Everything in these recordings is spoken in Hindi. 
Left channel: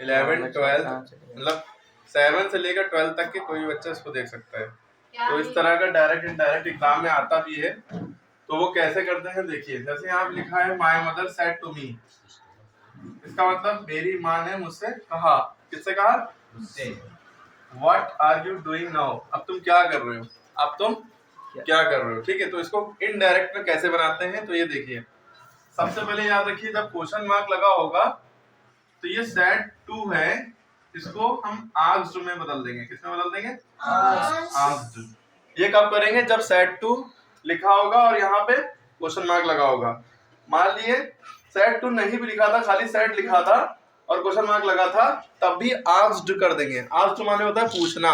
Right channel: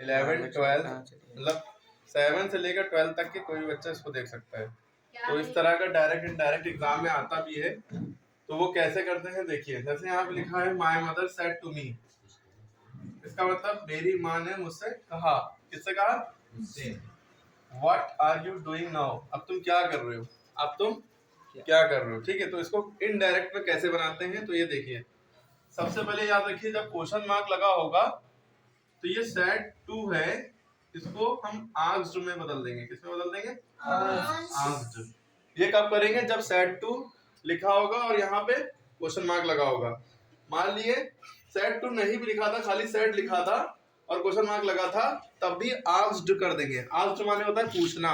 11 12 मतलब 7 से लेकर 12 तक के कोई बच्चा इसको देख सकता है। तो इस तरह का डायरेक्ट इनडायरेक्ट एग्जाम में आता भी है। तो वो कैसे करते हैं देखिए, जैसे यहाँ पे लिखा है my mother said to me, इसका मतलब मेरी माँ ने मुझसे कहा। किससे कहा? मुझसे। What are you doing now, अब तुम क्या कर रहे हो, अब तुम क्या कर रहे हो। ठीक है, तो इसको इनडायरेक्ट में कैसे बनाते हैं, तो ये देखिए, सबसे पहले याद रखिए जब क्वेश्चन मार्क लगा होगा तो ये सेड टू है, इसको हम आस्क्ड में बदल देंगे। किसमें बदल देंगे? आस्क्ड। ये कब करेंगे? जब सेड टू लिखा होगा और यहाँ पे क्वेश्चन मार्क लगा होगा। मान लिए सेड टू नहीं भी लिखा था, खाली सेड लिखा था और क्वेश्चन मार्क लगा था, तब भी आस्क्ड कर देंगे। आस्क्ड माने होता है पूछना।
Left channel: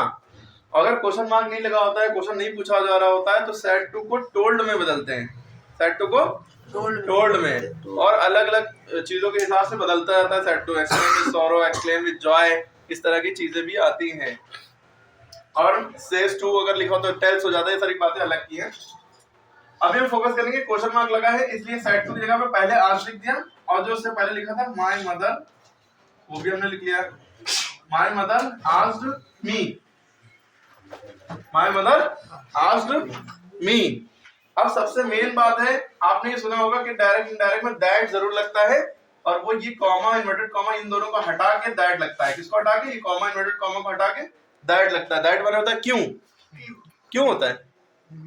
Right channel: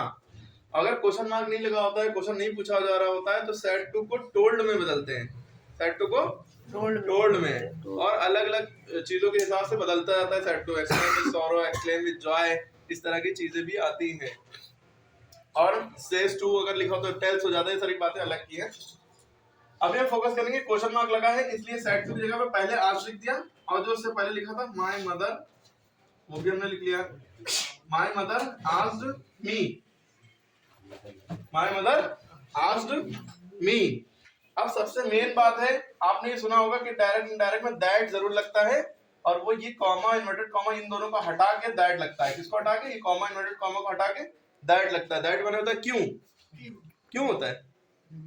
अगर क्वेश्चन मार्क नहीं लगा होता है, क्वेश्चन नहीं पूछा जा रहा होता है, तो सेड टू को टोल्ड में बदलते हैं। सेड टू को टोल्ड में, और अलग अलग चीजों के हिसाब से बदलता रहता है said to. Explain with sorrow, explain with joy, इस तरह की चीजें भी आती हैं। और सेज टू अगर लिखा हो तो टेल्स हो जाता है। ये सारी बातें अलग की हैं। अभी हम फोकस करेंगे, क्वेश्चन मार्क लगा है इसलिए सेड टू की जगह पे पहले आंसर लिख दिया, और जो उससे पहले लिखा था माय मदर वो भी हमने लिख लिया। My mother asked me, my mother asked me. अब सबसे मेन बात है, आपने ये सुना होगा कि डायरेक्ट इनडायरेक्ट में दैट जरूर लगता है, और वो ये कॉमा इन्वर्टेड कॉमा इन दोनों को हटा के दैट लगता है। किसको हटा के? ये कॉमा इन्वर्टेड कॉमा को हटा के दैट लगता है। दैट माने होता है क्यों। क्यों होता है?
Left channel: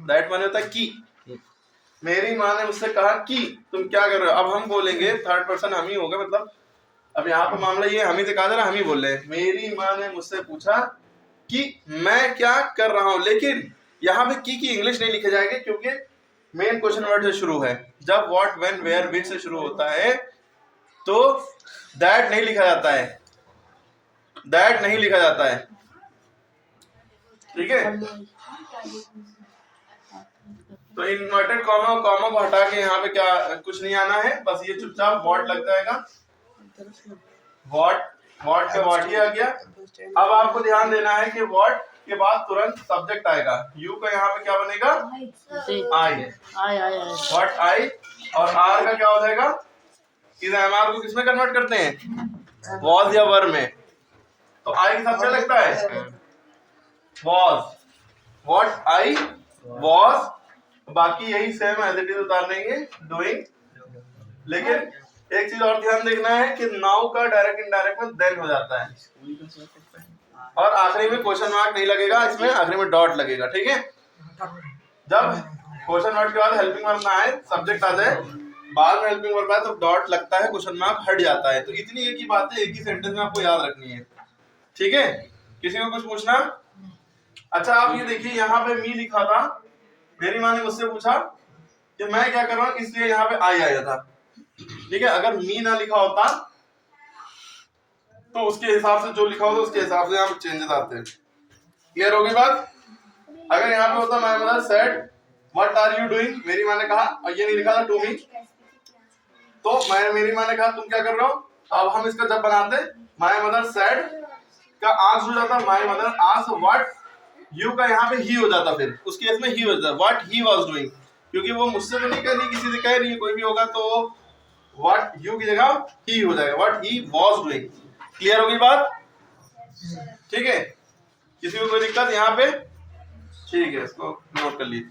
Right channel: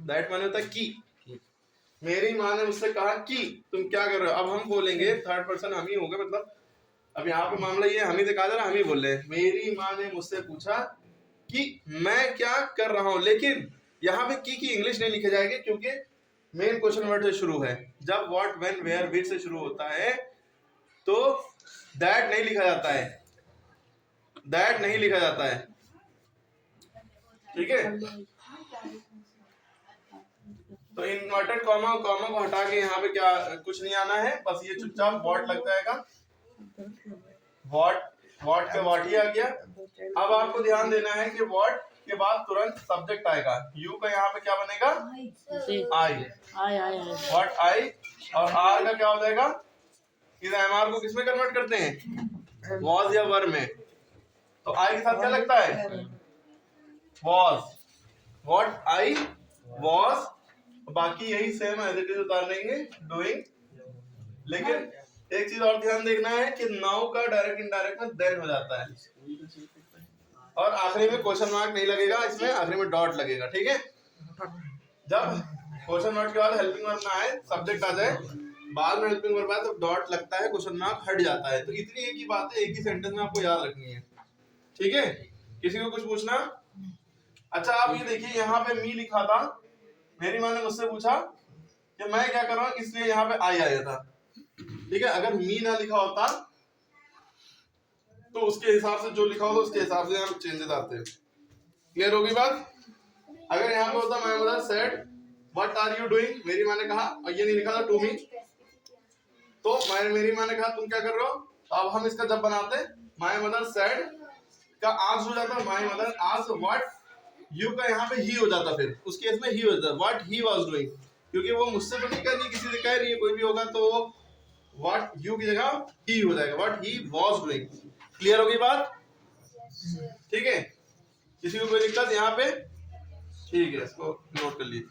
दैट माने होता है कि। मेरी माँ ने मुझसे कहा कि तुम क्या कर रहे हो। अब हम बोलेंगे थर्ड पर्सन हम ही होगा, मतलब अब यहाँ पे मामला ये हम ही से कहा जा रहा, हम ही बोल रहे हैं। मेरी माँ ने मुझसे पूछा कि मैं क्या कर रहा हूं, लेकिन यहाँ पे की इंग्लिश नहीं लिखी जाएगी क्योंकि मेन क्वेश्चन वर्ड से शुरू है। जब व्हाट व्हेन वेयर विच से शुरू होता है तो दैट नहीं लिखा जाता है, दैट नहीं लिखा जाता है। ठीक है, तो इन्वर्टेड कॉमा कॉमा को हटा के यहाँ पे क्या कुछ नहीं आना है, बस ये चुपचाप व्हाट लग जाएगा। व्हाट के व्हाट ही आ गया। अब आपको ध्यान देना है कि व्हाट के बाद तुरंत सब्जेक्ट आएगा। यू का यहाँ पे क्या बनेगा? आई। व्हाट आई, और आर का क्या हो जाएगा? इस एमआर को किसमें कन्वर्ट करते हैं? वॉज या वर में। तो आई के साथ क्या लगता है? वॉज। व्हाट आई वॉज, बाकी यही सेम एज इट इज उतार देंगे डूइंग। लेकिन एक चीज और ध्यान देखना है कि नाउ का डायरेक्ट इनडायरेक्ट में देन हो जाता है, और आखिरी में क्वेश्चन मार्क नहीं लगेगा, इसमें आखिरी में डॉट लगेगा। ठीक है, जब क्वेश्चन मार्क के बाद हेल्पिंग वर्ब ना आए, सब्जेक्ट आ जाए, बाद में हेल्पिंग वर्ब आए तो डॉट लगता है, क्वेश्चन मार्क हट जाता है। तो इतनी एक ही बात है, एक ही सेंटेंस में आपको याद रखनी है। ठीक है, किसी को कुछ पूछना? अच्छा, आप ये देखिए यहाँ पे मी लिखा था, मेरी माँ ने मुझसे पूछा कि मैं क्या कर रहा हूँ, इसलिए यहाँ पे आई आया था। ठीक है, अगर मी ना लिखा होता तो उसके हिसाब से जो लिखा होता उसके हिसाब से यहाँ पे चेंजेस आते हैं। क्लियर होगी बात? अगर यहाँ पे होता my mother said what are you doing, मेरी माँ ने कहा, और ये नहीं लिखा था टू मी, तो मेरी माँ ने कहा तुम क्या कर रहे हो। अब हम इसका जब बनाते माय मदर सेड का आस्क्ड हो जाता, my mother asked what, you का यहाँ पे ही हो जाता, फिर उस केस में ही हो जाता व्हाट ही वाज डूइंग, क्योंकि वो मुझसे तो नहीं कह रही, किसी से कह रही है, कोई भी होगा तो व्हाट यू की जगह ही हो जाएगा, what he was doing. Clear होगी बात? ठीक है, किसी को कोई दिक्कत यहाँ पे? ठीक है, इसको नोट कर लीजिए।